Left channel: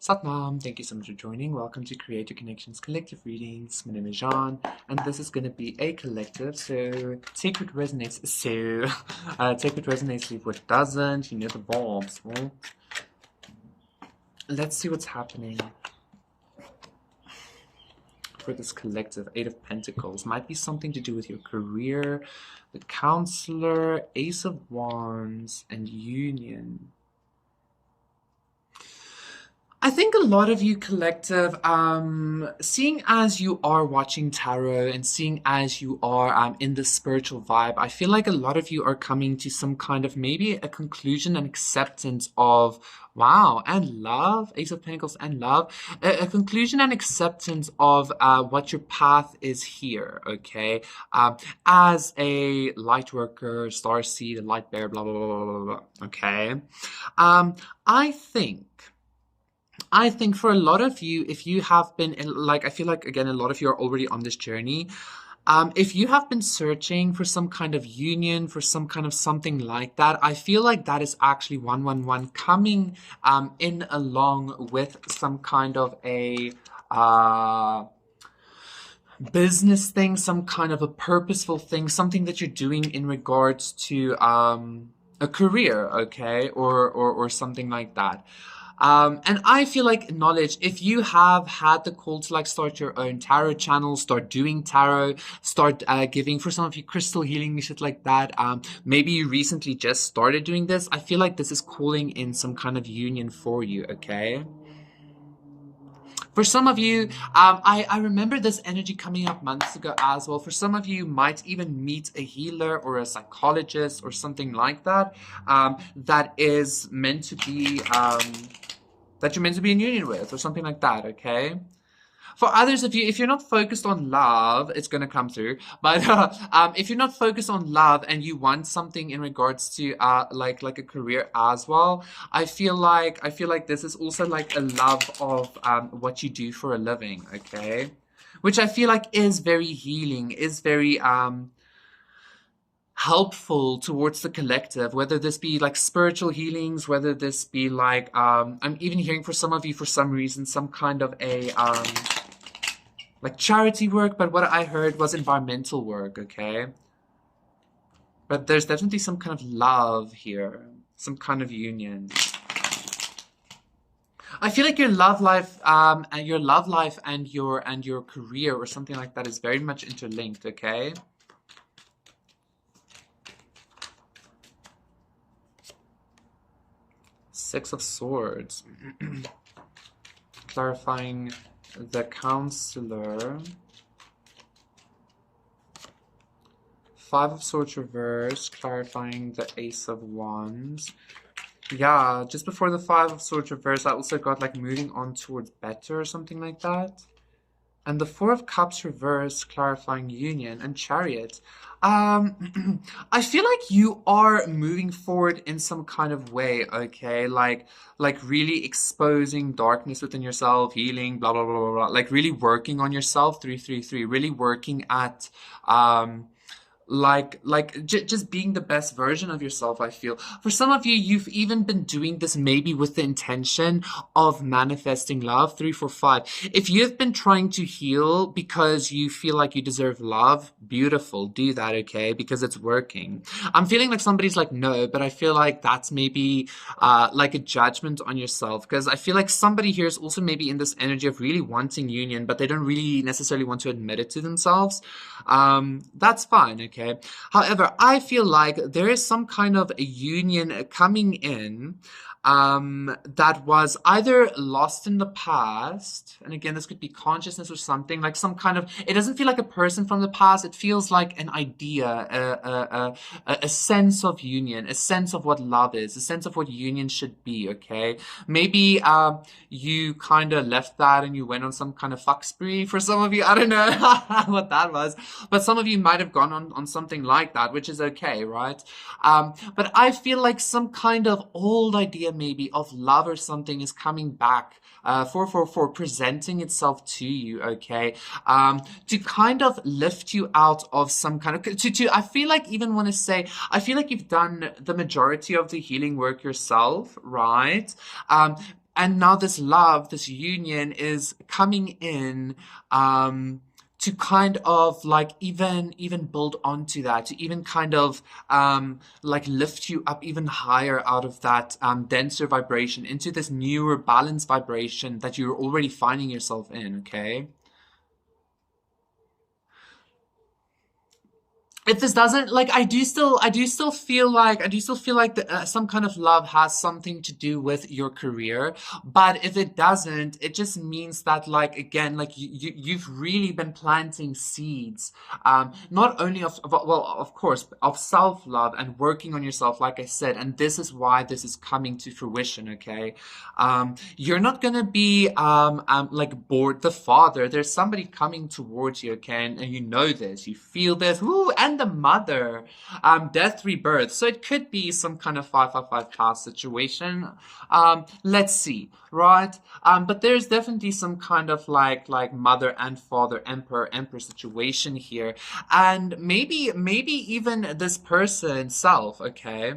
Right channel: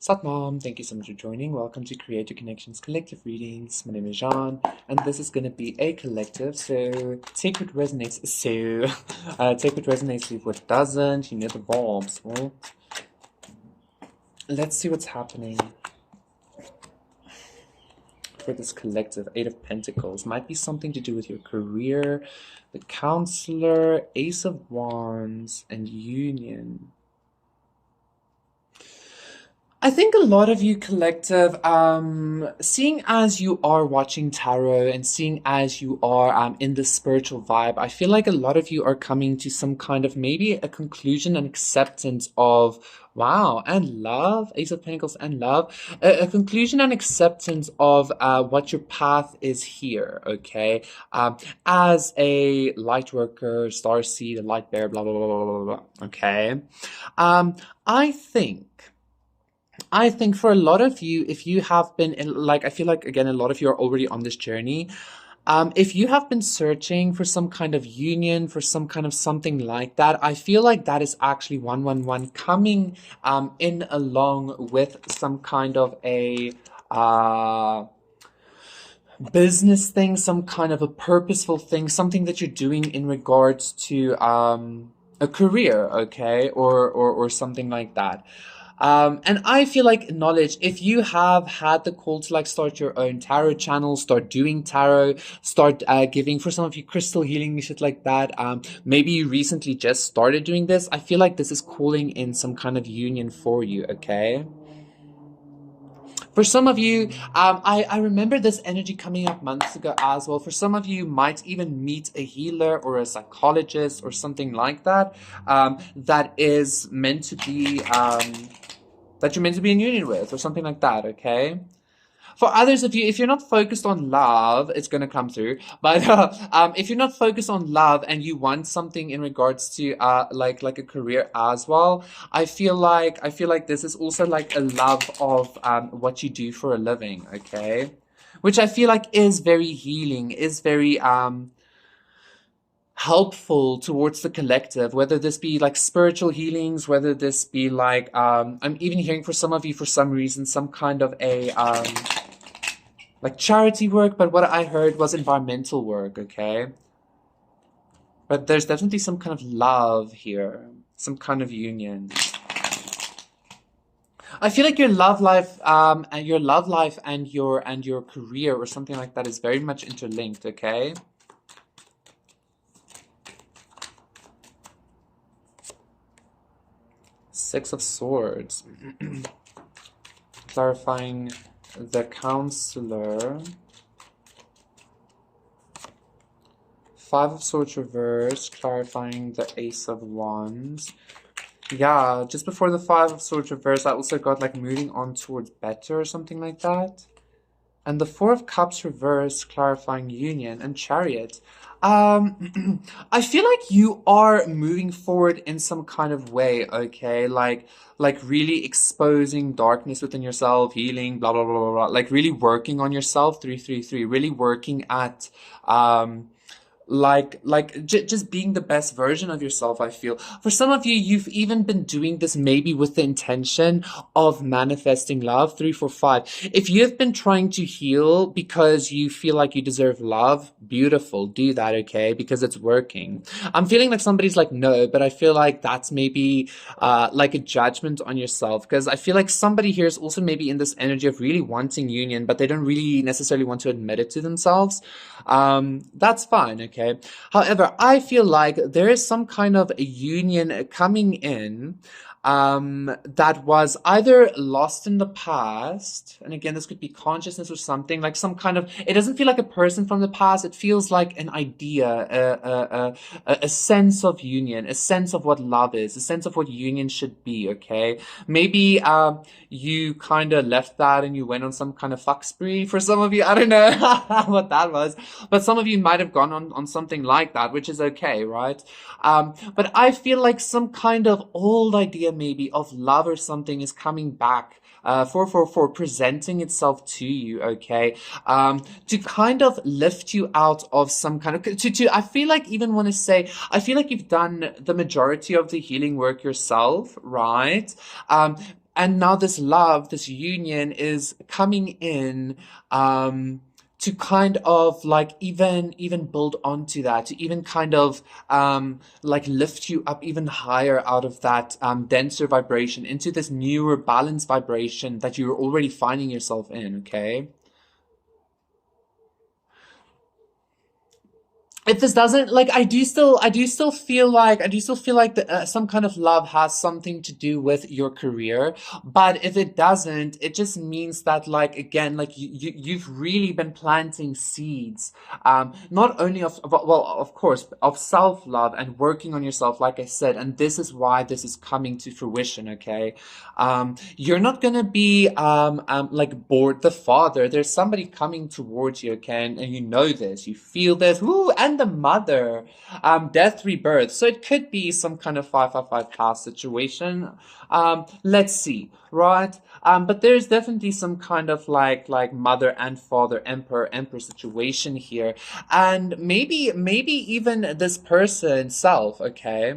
Satnam, thank you so much for joining. Welcome to Creative Connections Collective Readings. My name is Jean, and this is going to be a collective. So take what resonates. Take what resonates, leave what doesn't. You know the vibes. Well, let's see what's happening for this collective. Eight of Pentacles might be something to do with your career, the Counselor, Ace of Wands, and Union. I think a lot of you collective, seeing as you are watching tarot and seeing as you are in the spiritual vibe, I feel like a lot of you are coming to some kind of maybe a conclusion and acceptance of, wow, and love, Ace of Pentacles and love, a conclusion and acceptance of what your path is here, okay? As a light worker, starseed, a light bearer, blah, blah, blah, blah, blah, blah, okay? I think for a lot of you, if you have been I feel like, again, a lot of you are already on this journey. If you have been searching for some kind of union, for some kind of something like that, I feel like that is actually 111 coming in along with some kind of a business thing, some kind of a purposeful thing, something that you're doing in regards to a career, okay, or something like that. And I feel like knowledge, if you have had the call to start your own tarot channel, start doing tarot, start giving for some of you crystal healing, shit like that. Maybe you recently just started doing this. I feel like this is calling in some kind of union for you, okay? For some of you, I remember this energy coming up months ago as well. For some of you, might even meet a healer or a psychologist or something like that, that is meant to be, that you're meant to be in union with or something like that, okay? For others of you, if you're not focused on love, it's going to come through. But if you're not focused on love and you want something in regards to like a career as well, I feel like this is also like a love of what you do for a living, okay? Which I feel like is very healing, is very helpful towards the collective, whether this be like spiritual healings, whether this be like I'm even hearing for some of you, for some reason, some kind of a like charity work, but what I heard was environmental work, okay? But there's definitely some kind of love here, some kind of union. I feel like your love life and your career or something like that is very much interlinked, okay? Six of Swords. Clarifying the Counselor. Five of Swords reverse, clarifying the Ace of Wands. Yeah, just before the Five of Swords reverse, I also got like moving on towards better or something like that. And the Four of Cups reverse, clarifying union, and Chariot. I feel like you are moving forward in some kind of way, okay? Like really exposing darkness within yourself, healing, blah, blah, blah, blah, blah. Like really working on yourself, 333. Really working at, just being the best version of yourself. I feel for some of you, you've even been doing this maybe with the intention of manifesting love. 345. If you've been trying to heal because you feel like you deserve love, beautiful, do that, okay? Because it's working. I'm feeling like somebody's like, no, but I feel like that's maybe like a judgment on yourself, because I feel like somebody here is also maybe in this energy of really wanting union, but they don't really necessarily want to admit it to themselves. That's fine, okay? However, I feel like there is some kind of a union coming in that was either lost in the past, and again, this could be consciousness or something, like some kind of, it doesn't feel like a person from the past, it feels like an idea, a sense of union, a sense of what love is, a sense of what union should be, okay? Maybe you kind of left that and you went on some kind of fuck spree for some of you, I don't know what that was, but some of you might have gone on something like that, which is okay, right? But I feel like some kind of old idea maybe of love or something is coming back, for presenting itself to you, okay? To kind of lift you out of some kind of, I feel like even want to say, I feel like you've done the majority of the healing work yourself, right? and now this love, this union is coming in, to kind of like even build onto that, to even kind of like lift you up even higher out of that denser vibration into this newer balanced vibration that you're already finding yourself in, okay? If this doesn't, like, I do still feel like some kind of love has something to do with your career. But if it doesn't, it just means that, like, again, like, you've really been planting seeds, not only well, of course, of self-love and working on yourself, like I said. And this is why this is coming to fruition, okay? You're not gonna be like bored the father. There's somebody coming towards you, okay, and you know this, you feel this. Ooh, and the mother, death, rebirth. So it could be some kind of 555 past situation. Let's see, right? But there's definitely some kind of like mother and father, emperor situation here, and maybe even this person self, okay?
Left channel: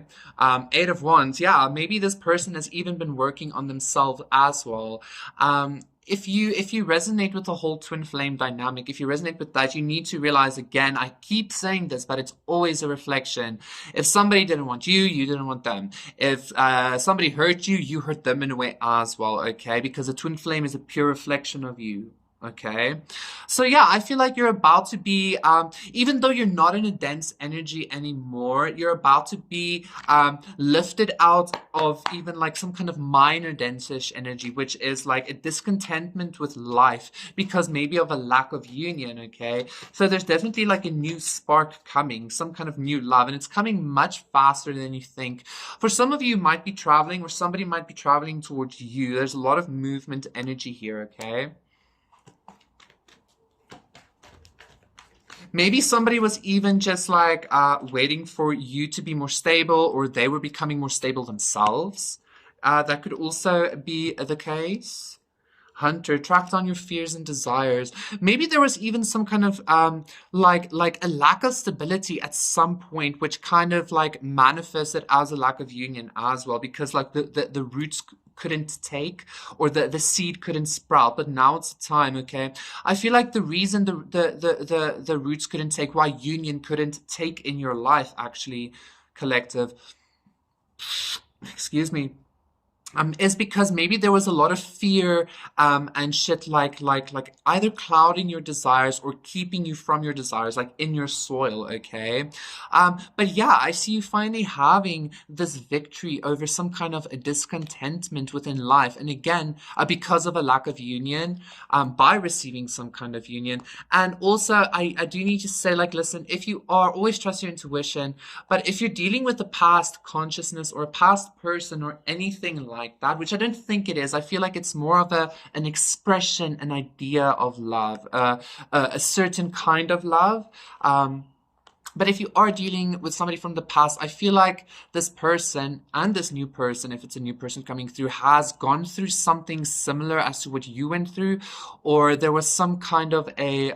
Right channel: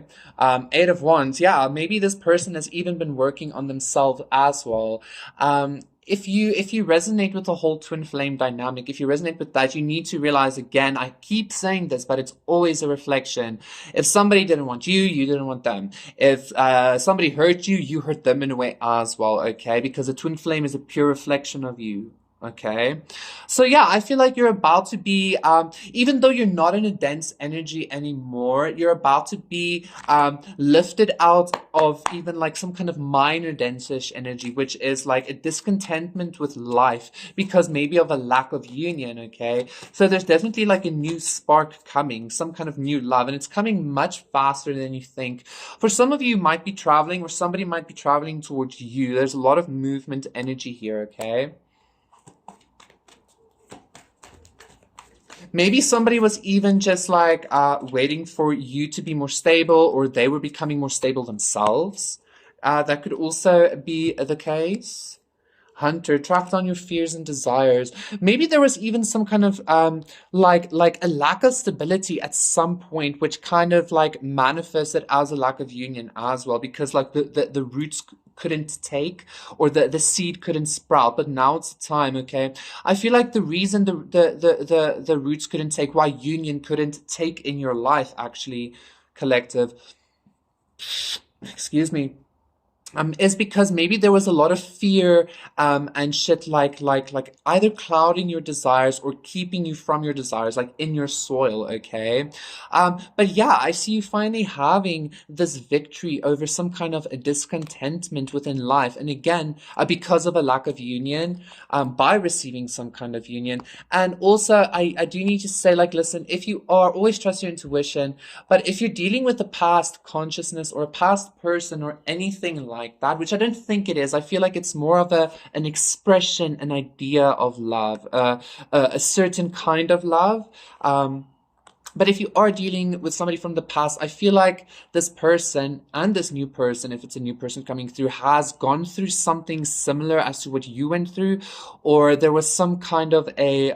Eight of Wands, yeah, maybe this person has even been working on themselves as well. If you resonate with the whole twin flame dynamic, if you resonate with that, you need to realize, again, I keep saying this, but it's always a reflection. If somebody didn't want you, you didn't want them. If somebody hurt you, you hurt them in a way as well, okay? Because the twin flame is a pure reflection of you. Okay, so yeah, I feel like you're about to be, even though you're not in a dense energy anymore, you're about to be lifted out of even like some kind of minor densish energy, which is like a discontentment with life because maybe of a lack of union. Okay, so there's definitely like a new spark coming, some kind of new love, and it's coming much faster than you think. For some of you, might be traveling, or somebody might be traveling towards you. There's a lot of movement energy here. Okay. Maybe somebody was even just like waiting for you to be more stable, or they were becoming more stable themselves. That could also be the case. Hunter, track down your fears and desires. Maybe there was even some kind of like a lack of stability at some point, which kind of like manifested as a lack of union as well, because like the roots couldn't take, or the seed couldn't sprout. But now it's the time, okay? I feel like the reason the roots couldn't take, why union couldn't take in your life, actually, collective, excuse me, is because maybe there was a lot of fear and shit, like either clouding your desires or keeping you from your desires, like in your soil, okay? But yeah, I see you finally having this victory over some kind of a discontentment within life, and again, because of a lack of union, by receiving some kind of union. And also, I do need to say, like, listen, if you are, always trust your intuition, but if you're dealing with a past consciousness or a past person or anything like that, which I don't think it is. I feel like it's more of an expression, an idea of love, a certain kind of love. But if you are dealing with somebody from the past, I feel like this person and this new person, if it's a new person coming through, has gone through something similar as to what you went through, or there was some kind of a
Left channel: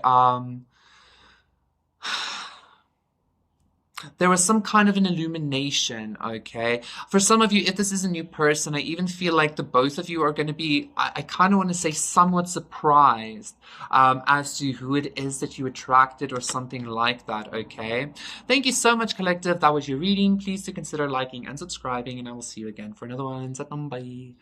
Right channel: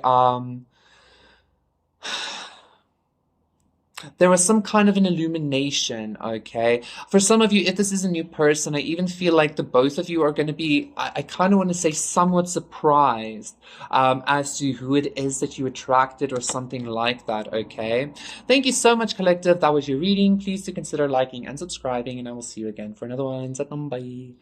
there was some kind of an illumination, okay? For some of you, if this is a new person, I even feel like the both of you are going to be, I kind of want to say, somewhat surprised as to who it is that you attracted, or something like that, okay? Thank you so much, collective. That was your reading. Please do consider liking and subscribing, and I will see you again for another one. Bye.